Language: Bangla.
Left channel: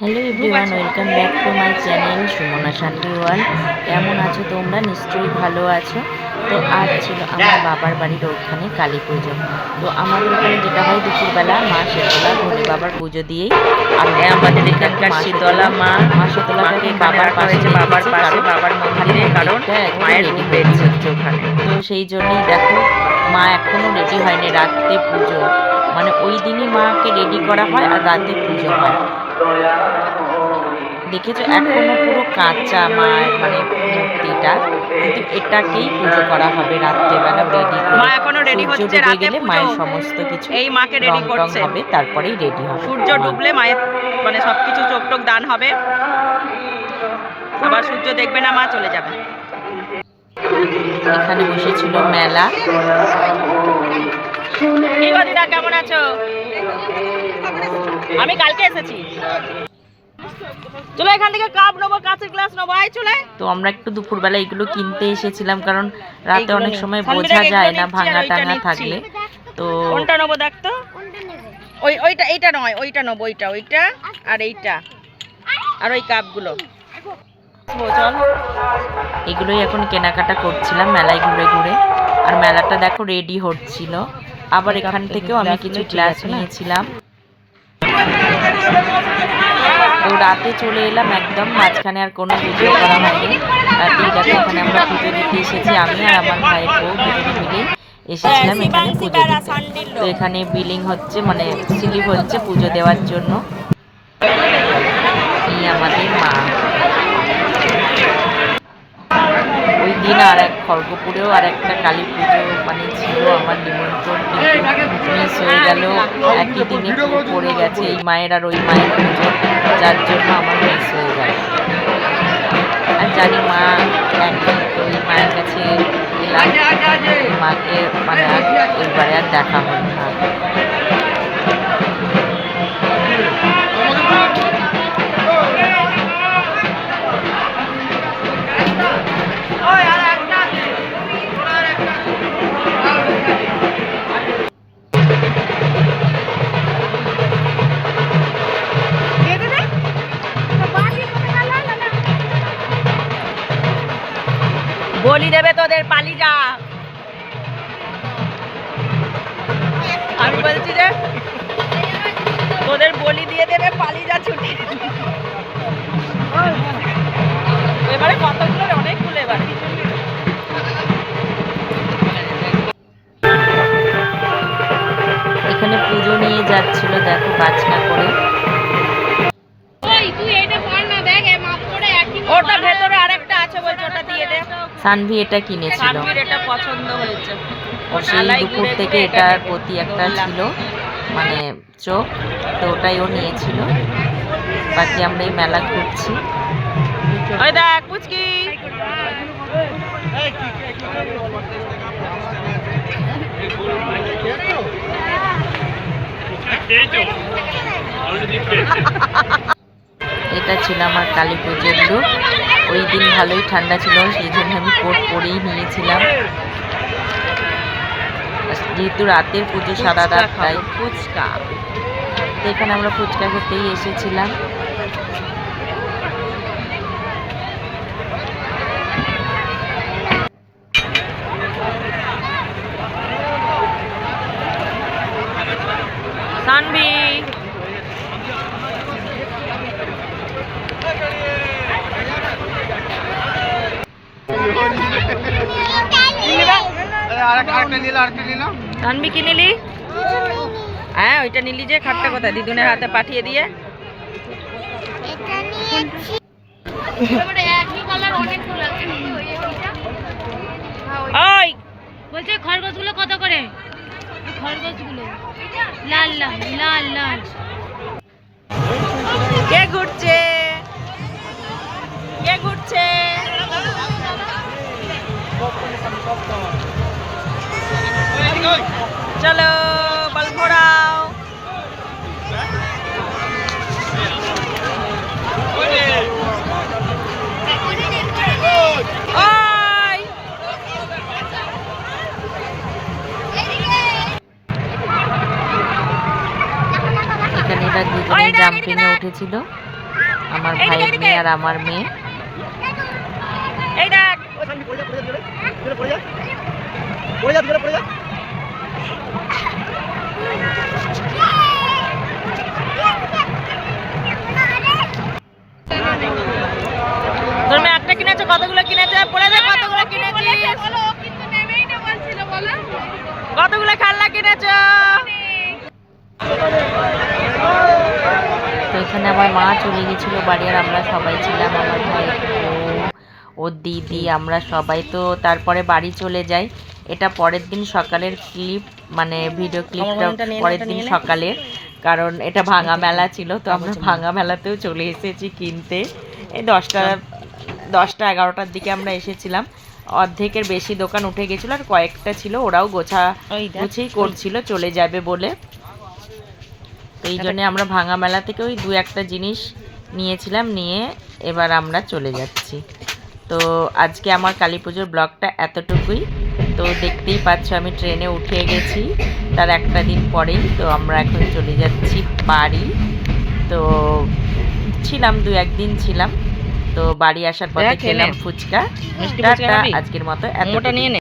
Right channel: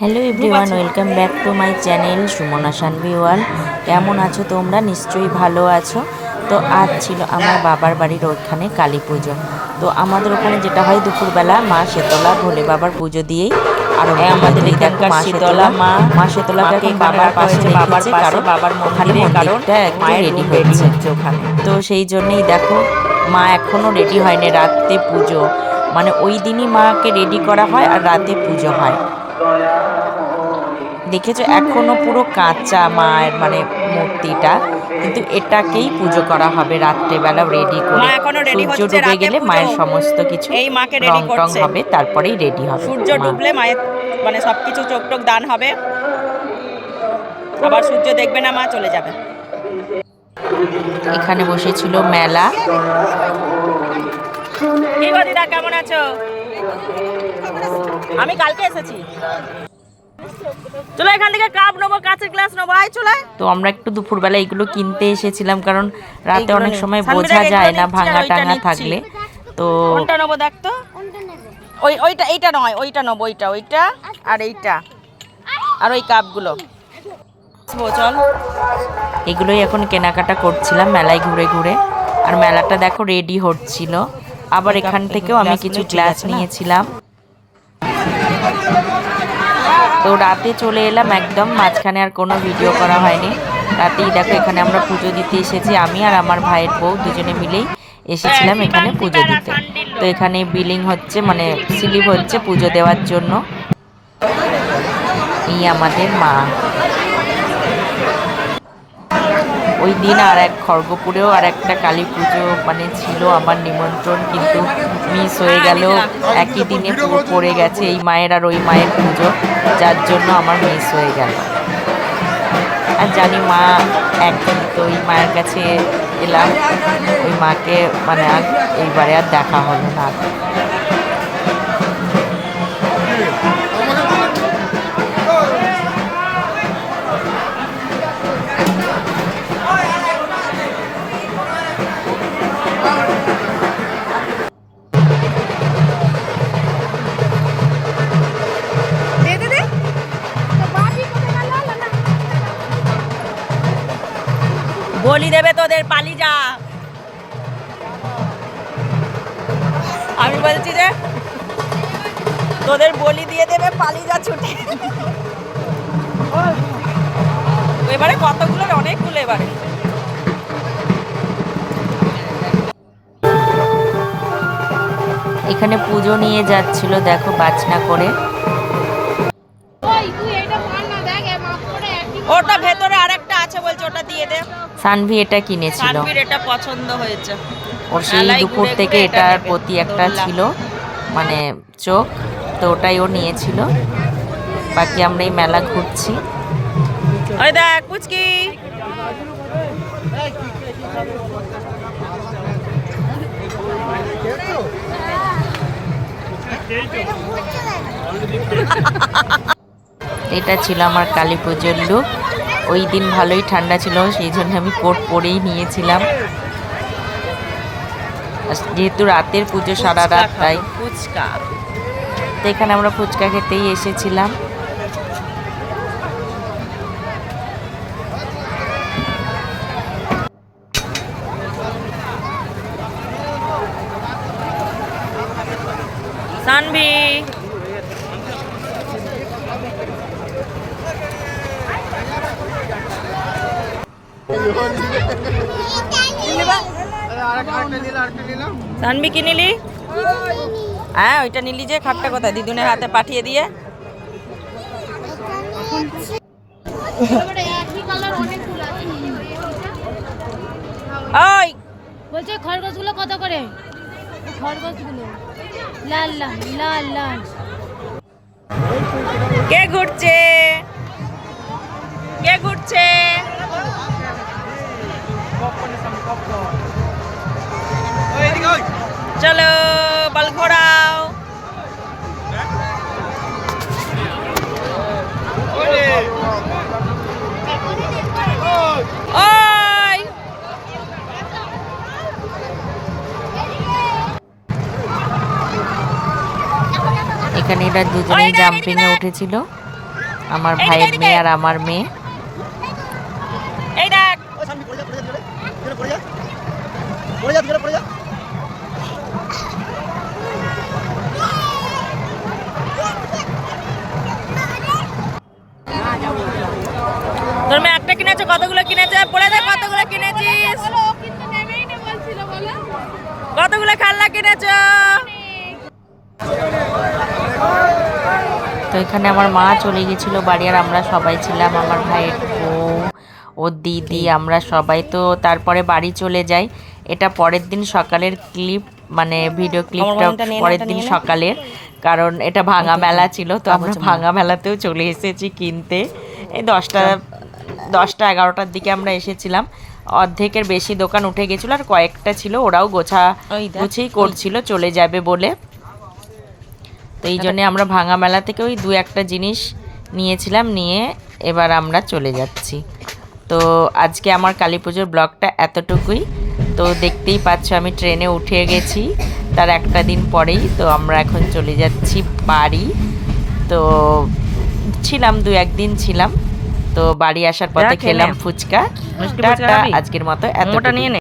Hello everyone, welcome back to my channel Sumana Shanvi world. কেমন আছো তোমরা? নিশ্চয়ই ভালো আছো। তো আজ ছিল আমার বাবার বাড়ির ওখানে কালী পুজো। তো আমাদের ওখানে যেটা হয়, দুপুরবেলা মা শীতলা ভোলে বাবার পুজো দিয়েই আমাদের এখানকার শীতলা মা শীতলাকে মাকে এখন এখানে বাবার রাখা পাশে হয়েছে, বাবার রেখেছে, পাশে, কারণ বাবার ওখানে মন্দিরে, কারণ মন্দিরটা একটু মায়ের রেডি রুম রেডি হচ্ছে। হচ্ছে ওখানে। তো সেই জন্যই দেখো, মা এখনও রেডি হয়নি। রাতে পুজো, মানে ওই দিনই মাকে রেডি করা হয় আর রাতে পুজো হয়। দেখেছো, এখনো পুরো কাঁচা মায়ের মানে মূর্তিটা, কিন্তু এটাকেই পুজো করা হবে রাত্রেবেলা রেডি মা করে। এখনো রেডি সূর্য হচ্ছে, ডুবে রাতে গেলে পুজো। মায়ের সমস্ত কিছু এই মাকে রেডি রং টং করছে, হবে, তারপরেই রেডি হবে সূর্য মা। ডুবলে মায়ের মানে সবকিছু চোখ টোক দান হবে, আবার সূর্য দেখবে না, মা চলে যাবে। এখানে বসেছিল মেলা। কি গো দিদা, কেমন আছো? আমি কালকে এসেছি। চলো এখান থেকে কাপ নেবো, কাঁচের গ্লাস নেবো, আয় চলে। তো আমরা একটু দুপুরবেলা এগুলো কিনতে এসেছিলাম, কারণ রাতে এইগুলো অনেক নিই। সময় সানবিরা বোঝা এগুলো যায় না নিচ্ছি আর ভাঙা ওইটা টাঙা নিচ্ছি। থাকলে। তো কোনটা নেবো দেখ তো। ওইটা, এইটা নয়, ওইটা নেবো, ওইটা আর এইটা, আর ওই কাপগুলো। চল, এগুলোই এখন কেনাকাটা করছিলাম মেলায় ঘুরে ঘুরে। আর মেলাটা দেখো রেডি হচ্ছিল। আবার এখান থেকেও আমি কিছু গ্লাস নিয়েছিলাম। তো রাতে চলে এলাম একদম, মাঝখানে আর কোনো ভিডিও করা হয়নি। রাতেই দেখো, এখানে আমরা পুজো দিতে এসেছি। আমি আর আমার ভাইয়ের বউ দুজনে মিলেই এসেছিলাম এখানে পুজো দিতে। তো এখানে বিলিং হচ্ছে, মানে স্লিপ হচ্ছে পুজো দেওয়ার জন্য। এই আমাদের মা। ওই দিন আর এক খড়গপুরেও আর একটা কালী পুজো মানে ছিল আমার নিমন্ত্রণ, কিন্তু মিস হয়ে গেল। একই দিনে পড়ে গেছে এই মায়ের আর ওই মায়ের পুজো, যার জন্য আমার মিস হয়ে গেল। আর জানি মা একদিন, তো ওই মায়ের কাছে এলাম। ওই মাকে মানে আর এইবারে আর দেখা হলো না। বলি দেবে তোদের, পালি যা। আমি বলছি যে তোদের বলি দিয়ে দেবে, পালি যা ছুটি। এবারে কতগুলো, অনেকগুলো এবারে। এখানে পুজো নিয়ে যাচ্ছিল, দেখো বাজনা করে। ওটা ভেতরে আরেকটা আছে বলছে, ওটা দিয়ে দে। সানভি এটা কিনেছিল। সানভীর এটা পছন্দ হয়েছে। ওর সেই দুপুর থেকে এটার প্রতি একটা ছিল মানে চোখ, তো ওটাই ও নিয়েছিল। বাকি আমরা এই মেলা ঘুরছি। ওই দেখ পুচকি। এটা ছিল আমার কালী পুজোর লুক। ওই দিন ভালোই ঠান্ডা ছিল, সেই জন্য আমি কোট পরেই নিয়েছিলাম, যেহেতু রাতের পুজো সারা রাত, তাই। ফুচকা, তো এখানে আমরা ফুচকা খেতেই এসেছিলাম। সানভি। সানভি কি নিলি? হ্যাঁ, ওইটা নিলি যে, খাটটা কোথায়? দিদুনের হাতে পাঠিয়ে দিয়ে। ওই বলছে খরগোশগুলো কত করে? খরগোশগুলো লাল লাল লাল লাল। কে ঘুরছে? কে ঘুরছে? চলো বল ঘোরাও। ওই এখানে এরা দুজনেই জাম্পিংয়ে উঠেছিল। আমার ভাইয়ের মেয়ে আর আমার মেয়ে। এই দেখ তোর মেয়ে একটা কিনেছে, কতগুলো কিনেছে পড়ে দেখ, কতগুলো কিনেছিস, কতগুলো খেলনা কিনেছ? তো এখানে আমার মা চলে গেছিলো বাড়ি, আর আমরা সবাই ছিলাম, আমার ভাইয়ের বউ, ওর দিদি, আমরা সবাই। তো তারপরে বাড়ি চলে যাই। এটা পরের দিন সকালের ক্লিপ, মানে ভিডিও ক্লিপটা পরের দিন সকালের, কারণ এটা ভাঙা মেলা ছিল। তো আমরা ভাঙা মেলাতেও চলে এসেছি কিনতে। এই 10টা 11টার দিকে আমরা এসেছিলাম। অর্ধেকের বেশি দোকান উঠে গেছিলো, আর কয়েকটা ছিল ওরাও গুছিয়ে করছিল চলে যাবে বলে। তো এই জন্যে আমরা ভাঙা মেলা থেকে ওই 2-1টা জিনিস নিয়েছিলাম, নিয়ে এবার আমরা চলে যাচ্ছি। তো আজকে আমার কালী পুজোর ব্লগটা এতটুকুই। তো দেখতেই পাচ্ছ আমি ট্রেনে উঠে গেছি তার একটা দিন পরেই। তো আমরা এখন চলে যাচ্ছি বাড়ি। তো ছিলাম 2-1 দিন ছিলাম। তো বাড়ি আসার পথে খেলাম ফুচকা। আজকের মতো এতটা নিয়ে নে।